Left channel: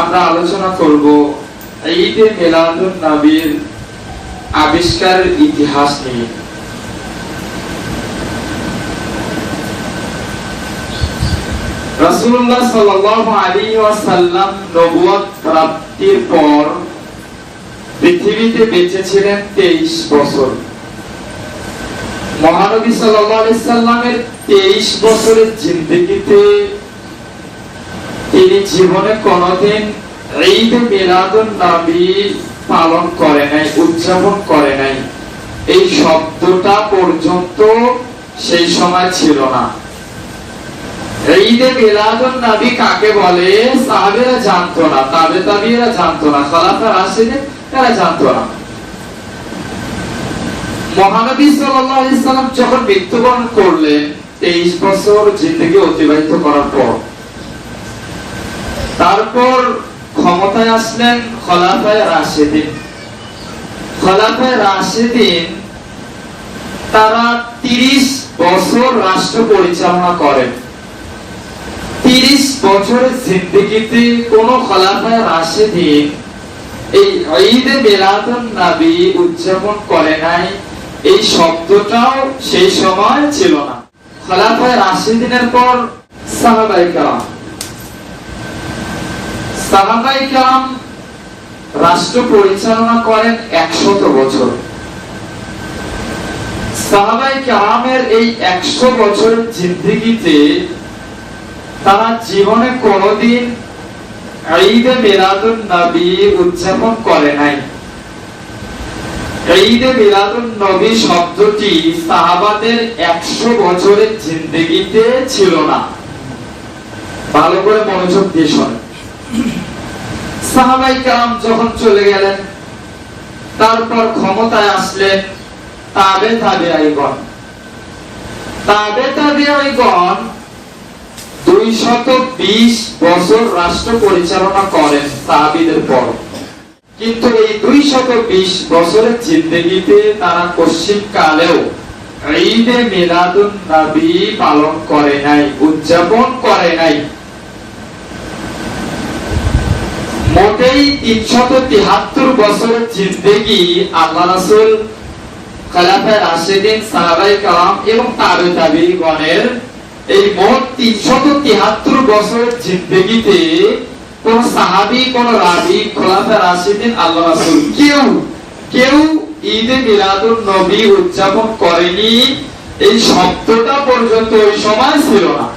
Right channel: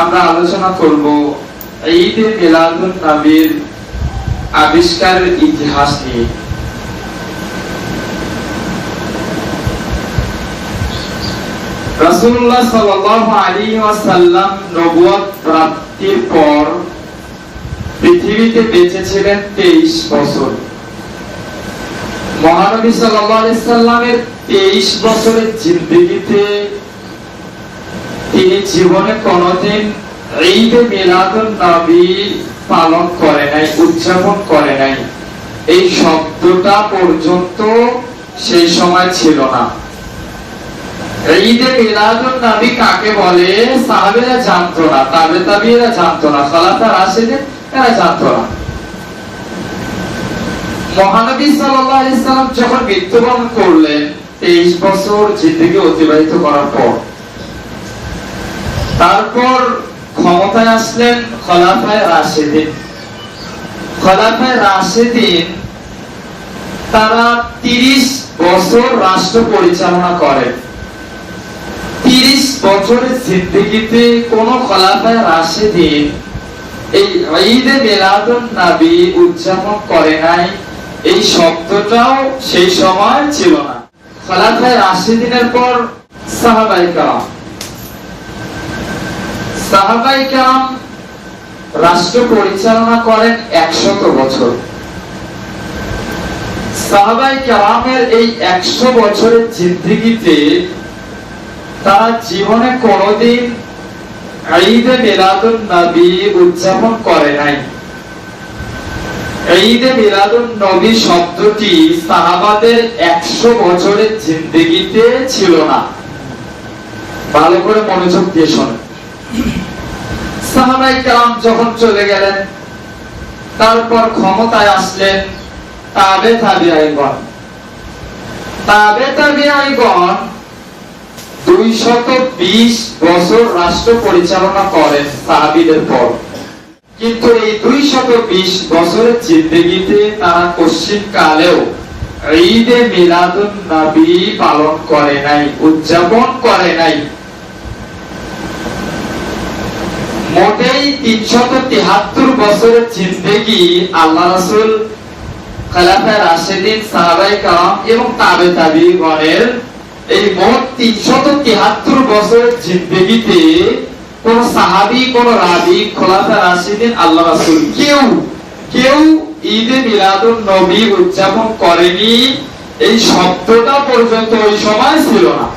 আমরা আলোচনা করব ঈদে মিলাদুন নবীর আবিষ্কারের ইতিহাস নিয়ে। রাসূলুল্লাহ সাল্লাল্লাহু আলাইহি ওয়াসাল্লাম নবুয়ত প্রাপ্তির পর পৃথিবীতে বেঁচে ছিলেন 23 বছর। মহানবী সাল্লাল্লাহু আলাইহি সাল্লামের 23 বছরের জিন্দেগিতে তিনি জীবনে কোনদিন ঈদে মিলাদুন নবী পালন করে নাই, উদযাপন করে নাই। এই শব্দটা পর্যন্ত সেই সময় ছিল না। ঈদে মিলাদুন নবী কাকে বলে সাহাবীরা জানতো না, তাবেঈরা জানতো না, খোলাফায়ে রাশিদিন এরা জানতো না। মহানবী সাল্লাল্লাহু আলাইহি সাল্লাম যখন মৃত্যুবরণ করলেন 23 বছর জিন্দেগি অতিবাহিত করার পর, তারপর ক্ষমতায় আসলেন খোলাফায়ে রাশিদিন। খোলাফায়ে রাশিদিন তারা 30 বছর রাষ্ট্র পরিচালনা করেন। 30 বছরের জিন্দেগিতে কোন খোলাফায়ে রাশিদিন এই ঈদে মিলাদুন নবী উদযাপন করে নাই। এই শব্দটাও সেই সময় ছিল না। খোলাফায়ে রাশিদিনের পর সাহাবায়ে কেরাম রাষ্ট্র পরিচালনা করেন 100 বছর। সাহাবায়ে কেরামের এই 100 বছরের জিন্দেগিতে তারা জীবনে কোনদিন ঈদে মিলাদুন নবী উদযাপন করে নাই। ঈদে মিলাদুন নবী শব্দটি সাহাবাদের 100 বছরের জিন্দেগিতে ছিল না। ভালো করে মনোযোগ দিয়ে শুনুন। সাহাবায়ে কেরাম যখন চলে গেলেন, তারপর ক্ষমতায় আসলেন তাবেঈগণ। 220 বছর রাষ্ট্র পরিচালনা করেন সাহাবীদের পর। কিন্তু এই 220 বছরের জিন্দেগিতে তারা পশ্চিম কালেও ঈদে মিলাদুন নবী পালন করে নাই, উদযাপন করে নাই। মোটেই 373 বছরের জিন্দেগি আল্লাহ রাসূল, খোলাফায়ে রাশিদিন, সাহাবায়ে কেরাম এবং তাবেঈগণের এই মোট 373 বছরের জিন্দেগিতে কোন সাহাবী, কোন রাবী, খোলাফায়ে রাশিদিন, আল্লাহ রাসূল কেউ ঈদে মিলাদুন নবী উদযাপন করেনি। এই শব্দটা পর্যন্ত ওই সময় ছিল না।